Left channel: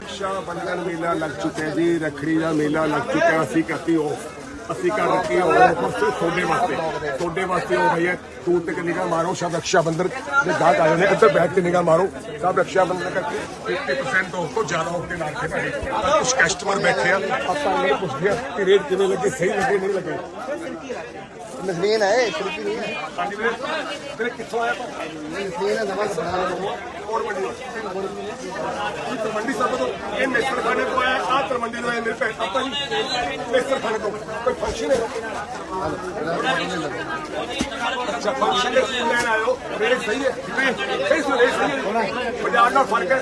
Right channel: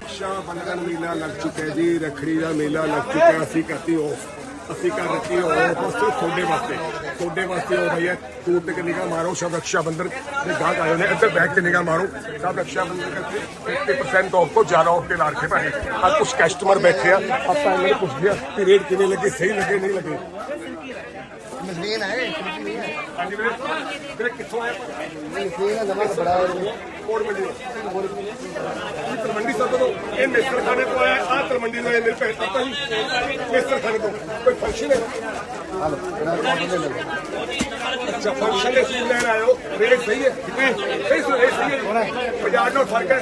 ਰਕਸ਼ਾ ਬੰਧਨ ਮੇਲਾ ਲੱਗ ਚੁੱਕਿਆ ਜੀ ਰੱਖੜੀ ਦਾ ਮੇਲਾ ਲੱਗ ਚੁੱਕਿਆ ਅਸੀਂ ਕਰਤੀ ਉਹ ਅਸੀਂ ਕਰ ਰੱਖੀ ਉਹ ਦੋਸਤੋ ਤੁਹਾਡੇ ਵਾਸਤੇ ਤੁਹਾਡੇ ਵਾਸਤੇ ਉਹ ਭਈਆ ਟੂਰ ਤੇ ਨਿਗਾਹ ਮਾਰੋ ਸਭ ਰਕਸ਼ਾ ਬੰਧਨ ਦੇ ਗਾਹਕ ਆਏ ਨੇ। ਇੱਥੇ ਬੈਠ ਕੇ ਨਿਗਾਹ ਮਾਰੋ। ਸਭ ਰਕਸ਼ਾ ਬੰਧਨ ਕਰਕੇ 50% ਆਫ ਤੋਂ ਜ਼ਿਆਦਾ ਆਫ ਤੇ ਲਾ ਕੇ ਭਾਈ ਆ ਕੁਝ ਕਸਟਮਰ ਬੈਠੇ ਆ ਆਪਾਂ ਨੇ ਪੁੱਛਦੇ ਆ ਕਿ ਰੇਟ ਕਿਵੇਂ ਲੱਗੇ ਸਹੀ ਲੱਗੇ ਨਹੀਂ ਲੱਗੇ। ਮਸ਼ੀਨ ਹੈ ਖਰੀਦੀ ਨਹੀਂ ਹੈ। ਹਾਂਜੀ ਵੀਰੇ ਵੀਰੇ ਕਿੱਥੋਂ ਆਇਆ ਮਸ਼ੀਨ ਹੈ ਨਵਾਂ ਕਪੜਾ ਹੈ। ਕੋੜ ਮੰਡੀ ਤੋਂ ਤਲਮੰਡੀ ਸਾਹਿਬ ਤੋਂ ਇਹ ਮਿਸਰ ਖਾਨੇ ਤੋਂ ਆਇਆ ਆ ਤਲਮੰਡੀ ਤੋਂ ਆਇਆ ਮੇਰੇ ਫੰਕਸ਼ਨ ਹੈ। ਅੱਛਾ ਫੰਕਸ਼ਨ ਦੇ ਸੂਟ ਲੈਣ ਆਇਓ ਰੇਟ ਸਹੀ ਹੈ। ਸਹੀ ਸਹੀ ਹੈ। ਬਾਜ਼ਾਰ ਨਾਲ ਫ਼ਰਕ ਹੈ।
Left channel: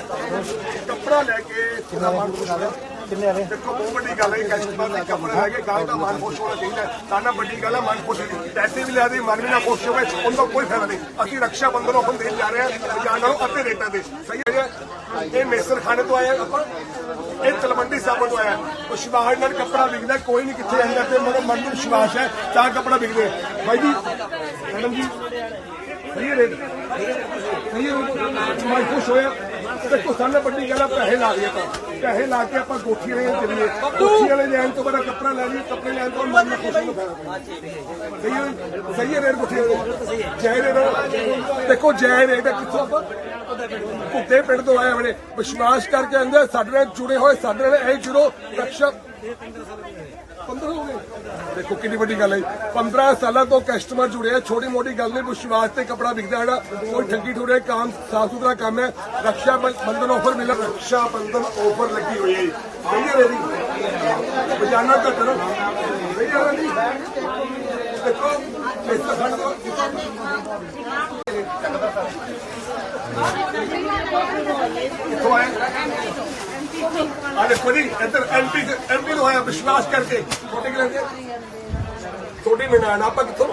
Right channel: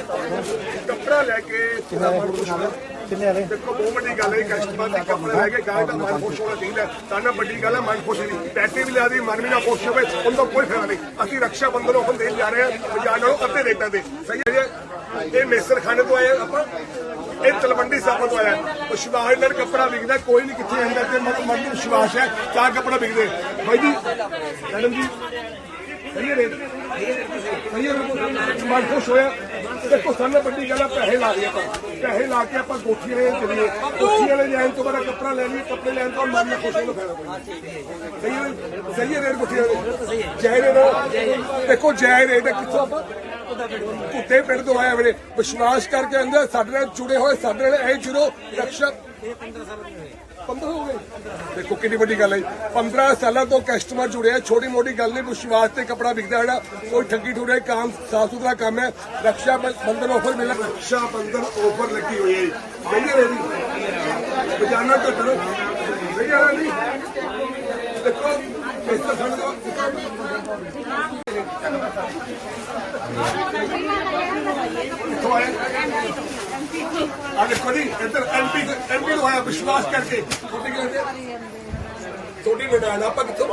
ਕੱਪੜਾ ਲੈ ਕੇ ਸਮਾਨ ਪੁੱਛਣਾ ਕਿੰਨੇ ਵਾਲੇ? ਦੇਖੋ ਬਹੁਤ ਵੱਡੀ ਗੱਲ ਹੈ ਕਸਟਮਰ ਦਾ ਕੱਪੜਾ ਲੈ ਕੇ ਗਾਹ ਦਾ ਮਨ ਖੁਸ਼ ਹੋਣਾ ਚਾਹੀਦਾ। ਤਾਂ ਨਾ ਵੱਡੀ ਗੱਲ ਹੈ ਮਨ ਖੁਸ਼ ਨਹੀਂ। ਪੈਸੇ ਵੀ ਲਿਆ ਦੀ ਮਨ ਵੀ ਨਾ ਖੁਸ਼ ਹੋਵੇ ਉਹਨਾਂ ਕੋਈ ਫਾਇਦਾ ਨਹੀਂ। ਅਸੀਂ ਰਕਸ਼ਾ ਬੰਧਨ ਆਫਰ ਦੇਣ ਜਾ ਰਹੇ ਹਾਂ ਬਾਜ਼ਾਰ ਨਾਲੋਂ ਅੱਧੇ ਰੇਟਾਂ ਦੇ ਸਹੀ ਹੈ ਇਹ ਮੇਸਰ ਖਾਨੇ ਤੋਂ ਆਇਆ ਆਪਾਂ। ਇਹ ਤਲਵੰਡੀ ਸਾਬਤ ਤੋਂ ਆਇਆ। ਵਿਸ਼ਵਾਸ ਨਾਲ ਕੱਪੜਾ ਵਿਕਦਾ ਕੋਈ ਨਹੀਂ ਕਿੱਥੇ ਆਂਦਾ ਤੇ ਮੇਰਾ ਮਨ ਨੂੰ ਵਿਸ਼ਵਾਸ ਹੈ ਤਾਂ ਕੱਪੜਾ ਵਿਕਦੇ। ਬਾਈ ਜੀ ਮੈਡਮ ਜੀ ਸਹੀ ਰੇਟ ਸਹੀ ਰੇਟ ਮਨ ਖੁਸ਼ ਹੋਇਆ। ਦੇਖੋ ਸਾਨੂੰ ਵੱਡੀ ਗੱਲ ਹੈ ਪੈਸੇ ਲਾ ਲਈਏ ਆਪਾਂ। ਪੈਸੇ ਲਾ ਕੇ ਆਪਾਂ ਗੋਠੀ ਵਾਲੇ ਚੱਲੀਏ ਗੋਠੀ ਵਾਲੇ ਲੈਣ ਤੋਂ ਬਾਅਦ ਕੱਪੜਾ ਲੈ ਲਈਏ ਕੱਪੜੇ ਲੈਣ ਤੋਂ ਮਨ ਖੁਸ਼ ਹੋਣਾ ਫਾਇਦਾ ਸਹੀ ਹੈ ਸਹੀ ਰੇਟ ਗੋਠੀ ਵਾਲੇ? ਜੈ ਰੇਟ ਦੇਖੋ, ਜੈ ਰੇਟ ਕਿੱਥੋਂ? ਆਪਾਂ ਕੁੱਤੇ ਪਿੰਡ ਤੋਂ ਆਏ ਆਪਣੇ ਵਿਸ਼ਵਾਸ ਕਰਕੇ ਆਂਦੇ ਸਾਡੇ ਨਾਲ ਜੁੜੇ ਹੋਏ, ਸਾਡੇ ਨਾਲ ਇਹ ਜੁੜੋ। ਰਕਸ਼ਾ 15 ਹੋ ਗਏ। ਦੇਖੋ, ਕਿੰਨੀ ਵੱਡੀ ਗੱਲ ਹੈ 15 ਸਾਲਾਂ ਤੋਂ ਕਸਟਮਰ ਜੁੜੇ ਆ ਛੋਟੀ ਮੋਟੀ ਗੱਲ ਨਹੀਂ ਵਿਸ਼ਵਾਸ ਤੇ ਕਪੜਾ ਵਿਕਦਾ ਜਿਹੜਾ, ਕੋਈ ਠੱਗੀ ਠੁੜੇ ਕੰਮ ਸਾਫ਼ ਸੁਥਰਾ ਕੰਮ ਹੈ। ਰਕਸ਼ਾ ਬੰਧਨ ਆਫਰ ਮਿਲਿਆ। ਰਕਸ਼ਾ ਬੰਧਨ ਆਫਰ ਲੱਗੀ ਹੋਈ ਹੈ ਸਹੀ ਹੈ ਰੇਡੀ ਬਜਾਨਾ ਘੱਟ ਨਾ। ਸਹੀ ਹੈ ਨਹੀਂ ਦੇਖੋ, ਇਸ ਤਰ੍ਹਾਂ ਦਾ ਕਿੱਥੋਂ ਆਇਆ ਆ ਦੇਖੋ ਜੀ ਇੱਧਰ ਐਮਪੀ ਐਮਪੀ ਨੂੰ ਆਇਆ ਵਿਸ਼ਵਾਸ ਕਰਕੇ ਛੋਟੇ ਕਿਲੇ ਦੇ ਤੁਹਾਡੀ ਨਨਾਣ ਆਪਾਂ ਕਿੱਥੋਂ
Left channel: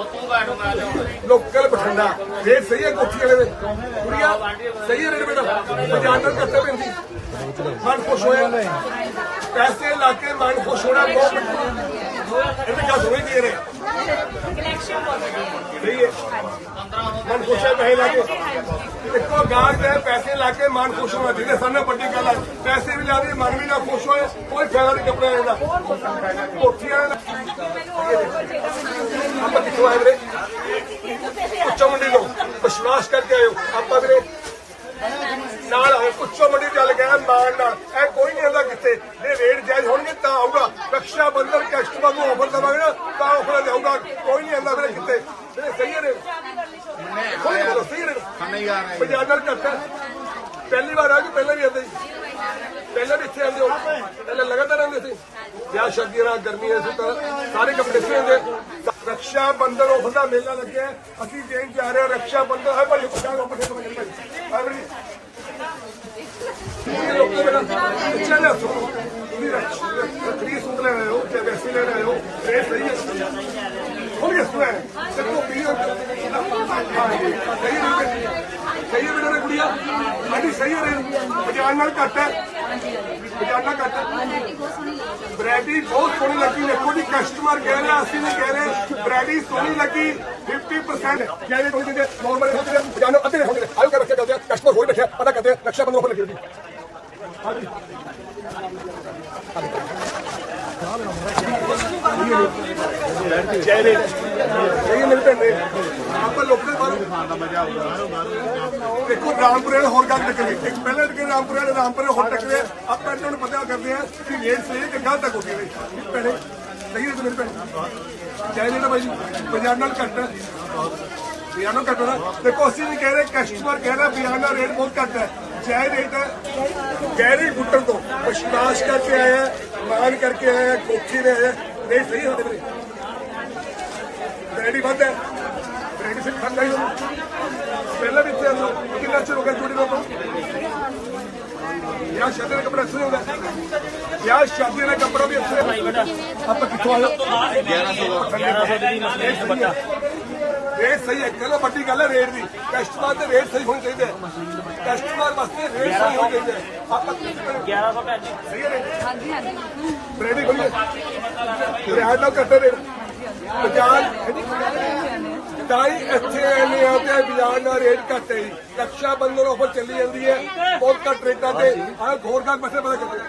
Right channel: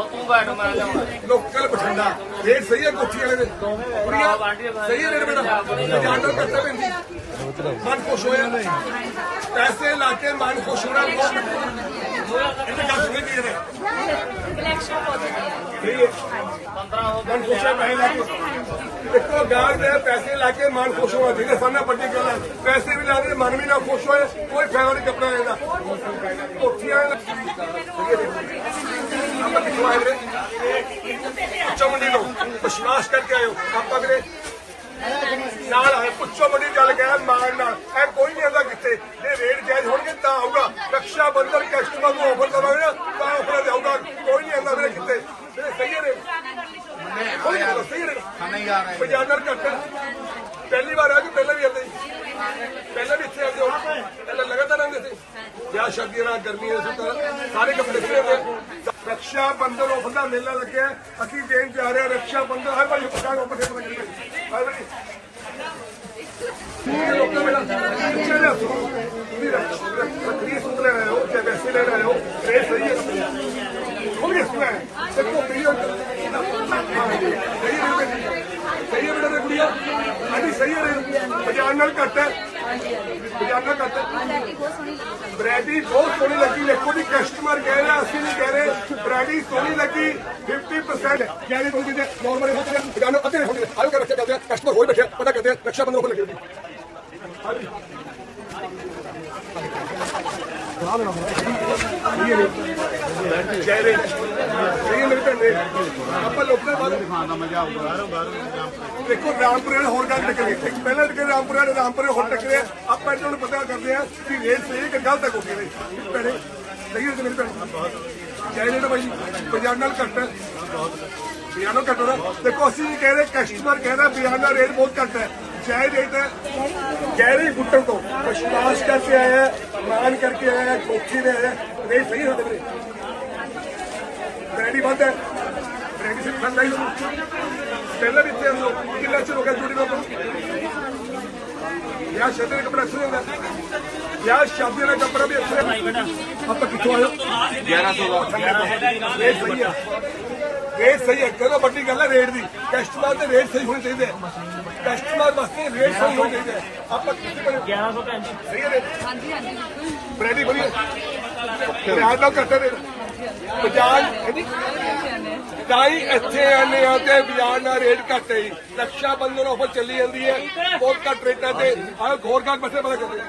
ਲੋਕਲ ਬਠਿੰਡਾ ਰੇਟ ਸਹੀ ਹੈ ਕੋਠੀ ਵਾਲੇ ਦੇ ਕੁੜੀਆਂ ਸਹੀ ਹੈ ਰੇਟ ਬੇਟਾ ਜਾਣਦਾ ਕਰਤੇ ਪੈਂਦੀ ਮਨ ਖੁਸ਼ ਹੋਇਆ ਪੈਸੇ ਲਾ ਕੇ ਮਨ ਖੁਸ਼ ਹੋਣਾ ਬਹੁਤ ਇਹਨੇ ਕਿਹਾ ਸੁਣੀ ਪੀ ਰਹੇ ਸਹੀ ਹੈ ਮਨ ਖੁਸ਼ ਹੈ ਪੈਸੇ ਲਾ ਕੇ ਇੱਕੋ ਗਾਹਕ ਦੇ ਪੈਸੇ ਲਾ ਕੇ ਮਨ ਖੁਸ਼ ਹੋਣਾ ਚਾਹੀਦਾ ਸਾਹਮਣੇ ਵੱਡੀ ਗੱਲ ਹੈ। ਪੈਸੇ ਵੀ ਲਾ ਦੇ ਮਨ ਵੀ ਨਾ ਖੁਸ਼ ਹੋਏ ਕੋਈ ਫਾਇਦਾ ਨਹੀਂ ਕੱਪੜੇ ਦਾ ਕੋਠੀਆਂ ਆਪਾਂ ਕਿੱਥੋਂ ਆਏ ਵੀਰੇ? ਉੱਚਾ ਮੰਡੀ ਤੋਂ। ਵਿਸ਼ਵਾਸ ਕਰਕੇ ਆਇਓ ਆਪਾਂ ਵੀਰੇ ਨਾਲ ਉੱਚਾ ਮੰਡੀ ਚੱਲ ਗਿਆ ਮਾਨ ਨਾਲ। ਇਹ ਕੋਈ ਨਹੀਂ ਆਉਂਦਾ ਕਿੱਥੇ ਜੇ ਰੇਟ ਜਾਇਜ਼ ਹੋਣਗੇ ਤਾਂ ਆਊਗਾ। ਰਕਸ਼ਾ ਬੰਧਨ ਕਸਟਮਰ ਨੂੰ ਆਫਰ ਕਰਾਂਗੇ ਨਾ ਤਾਂ ਆਫਰ ਜਾਊਗਾ। ਕੋਈ ਨਹੀਂ ਵੀਰੇ ਕਿੱਥੇ ਸਹੀ ਨਹੀਂ ਸਹੀ ਹੈ ਰੇਟ ਨਹੀਂ ਆ ਰਹੇ ਬਾਜ਼ਾਰ ਨਾਲ ਘੱਟ ਹੈ ਪਹਿਲੀ ਵਾਰ ਆ ਕਿ ਪਹਿਲਾਂ ਵੀ ਆਉਂਦੇ ਸੀ ਪਹਿਲਾਂ ਵੀ ਇੱਥੇ ਆਉਂਦੇ ਹੋ ਪਹਿਲਾਂ ਲਗਾਤਾਰ ਆਉਂਦੇ ਸੀ ਵਿਆਹ ਸ਼ਾਦੀ ਨਾਲ ਗਰਮੀਆਂ ਸੀ ਤਾਂ ਸਾਰੇ ਕੱਪੜੇ ਇੱਥੇ ਆਉਂਦੇ ਰਕਸ਼ਾ ਬੰਧਨ ਆਫਰ ਦਾ ਮੇਲਾ ਲੱਗਿਆ ਹੈ। ਅਸੀਂ ਦੇਣ ਜਾ ਰਹੇ ਹਾਂ ਰਕਸ਼ਾ ਬੰਧਨ ਹੈ ਬੜੀ ਪਛਾਣ ਉਹ ਪੱਠੇ ਪਤਾ ਹੈ ਬੜੀ ਲੋਕਾਂ ਮੇਰਾ ਬੱਚਾ ਲੈ ਤੁਸੀਂ ਰੱਖੜੀ ਸੂਟ ਲੈ ਰਹੇ ਹੋ ਤੇ ਵੈਸੇ ਲੈ ਰਹੇ ਹੋ ਇਹ ਸਹੀ ਹੈ ਮੇਰੇ ਕੁੜੀਆਂ? ਹਾਂਜੀ ਸਹੀ ਹੈ ਬਾਜ਼ਾਰ ਨਾਲ ਘੱਟ ਹੈ। ਬਾਜ਼ਾਰ ਨਾਲ ਘੱਟ ਹੈ। ਬ੍ਰੈਡੀ ਬਹੁਤ ਸੋਹਣੀ ਲੱਗੀ। ਦੇਖੋ ਜੀ ਕਸਟਮਰ ਕਹਿ ਰਿਹਾ ਅਸੀਂ ਨਹੀਂ ਕਹਿ ਰਹੇ। ਬ੍ਰੈਡੀ ਸੋਹਣੀ ਲੱਗੀ। 50% ਜਿਹੜੇ ਕੋਈ ਜਿਹਦੇ ਨੋਰਮਲ ਹੁੰਦੇ ਬਜਾਨੋ ਅੱਧੇ ਹੁੰਦੇ। ਆਇਓ ਰੱਖਿਆ ਕਰਦੇ ਆ ਕਸਟਮਰ ਹੋਰ ਬੈਠਿਆ ਪਤਾ ਕਰਦੇ ਰਕਸ਼ਾ ਉੱਪਰ ਲੱਗੀ ਹੋਈ ਹਾਂਜੀ। ਜੈ ਰੇ ਸਹੀ ਮੇਰੇ ਆਪਾਂ ਲੋਕਾਂ ਬਾਹਰ ਦੇਖੋ ਰਾਮਪੁਰੇ ਨਾਲ ਹੋਰ ਗੱਲ ਨਿਕਲ। ਇੱਕ ਪਹਿਲਾਂ ਨਿਕਲ ਰਾਮਪੁਰੇ ਵਾਲੇ ਰਾਮਪੁਰੇ ਹੋਰ ਟੱਕਰੇ ਆਪਾਂ ਇਹਨਾਂ ਨੂੰ ਪਤਾ ਕਰਦੇ ਆ ਕਿ ਰੇਟ ਸਹੀ ਕਿ ਗਲਤ ਹੈ ਕੋਈ ਭੈਣੇ ਸਹੀ ਹੈ ਮੇਰੇ ਭੈਣ। ਜੈ ਰੇ ਬਾਈ ਬਾਜ਼ਾਰ ਨਾਲ ਘੱਟ ਹੈ। ਬਿਆਨਾ ਘੱਟ ਹੈ ਦੇਖੋ ਅਸੀਂ ਵੀ ਕਹਿ ਰਹੇ ਕਸਟਮਰ ਕਹਿਣਾ ਬਿਆਨਾ ਰੇਟ ਬਹੁਤ ਘੱਟ ਹੈ। ਜੈ ਰੇਟ ਹੈ। ਗਹਿਰੀ ਗੁੱਟਣ ਤੋਂ। ਵਿਸ਼ਵਾਸ ਕਰਕੇ ਆਇਆ ਹੈ, ਮਾਨ ਕਰਕੇ ਆਇਆ ਕੋਠੀ ਦੇ ਆਇਆ। ਹੈ। ਸਹੀ ਹੈ ਬ੍ਰੈਡੀ ਵੱਧ ਹੈ। ਬ੍ਰੈਡੀ ਸੇ ਖਾਂਦਾ ਹੀ ਨਹੀਂ। ਪਹਿਲਾਂ ਵੀ ਹੋ। ਕਿੰਨਾ ਚਿਰ ਹੋ ਗਿਆ ਜੁੜੀ ਨੂੰ ਯਾ ਸ਼ਾਦੀ ਦਾ ਕੱਪੜਾ ਅੱਛਾ ਹੁੰਦਾ ਯਾ ਸ਼ਾਦੀ ਦਾ ਕੱਪੜਾ ਵੀ ਅੱਛਾ ਆਪਾਂ ਕਿੱਥੋਂ ਹੋ? 1100 ਦਾ। ਰੇਟ ਸਹੀ ਹੈ। ਰੇਟ ਸਹੀ ਹੈ। ਕਹਿੰਦਾ ਵੱਡੀ ਗੱਲ ਹੈ ਰੇਟ ਦੀ। ਕਸਟਮਰ ਤੇ ਰੇਟ ਸਹੀ ਹੋਣੀ ਚਾਹੀਦੀ ਕਸਟਮਰ ਵਾਸਤੇ ਰੇਟ ਸਹੀ ਹੋਣੀ ਚਾਹੀਦੀ ਆਪਾਂ ਕਿੱਥੇ ਬਣੇ 1100 ਸਹੀ ਹੈ ਹਾਂਜੀ ਹਾਂਜੀ। ਬਿਲਕੁਲ ਬ੍ਰੈਡੀ ਬਣੀ ਰਿਆਇਤ ਨਾਲ ਘੱਟ ਰੇਟ। ਬਜਾਜ ਤਾਂ ਹੀ ਇੱਥੇ ਆਨੇ ਆ ਤੇ ਬਾਜ਼ਾਰ ਨਾਲ ਰੇਟ ਘੱਟ ਹੈ ਜੀ। ਰਕਸ਼ਾ ਬੰਧਨ ਆਫਰ ਚੱਲੀ ਜਾਂਦੀ ਹੈ। ਬਹੁਤ ਘੱਟ ਰੇਟਾਂ ਤੇ। ਆਹ ਘੋਰ ਘਾਟ ਬੈਠੇ, ਪਤਾ ਚੱਲਦੇ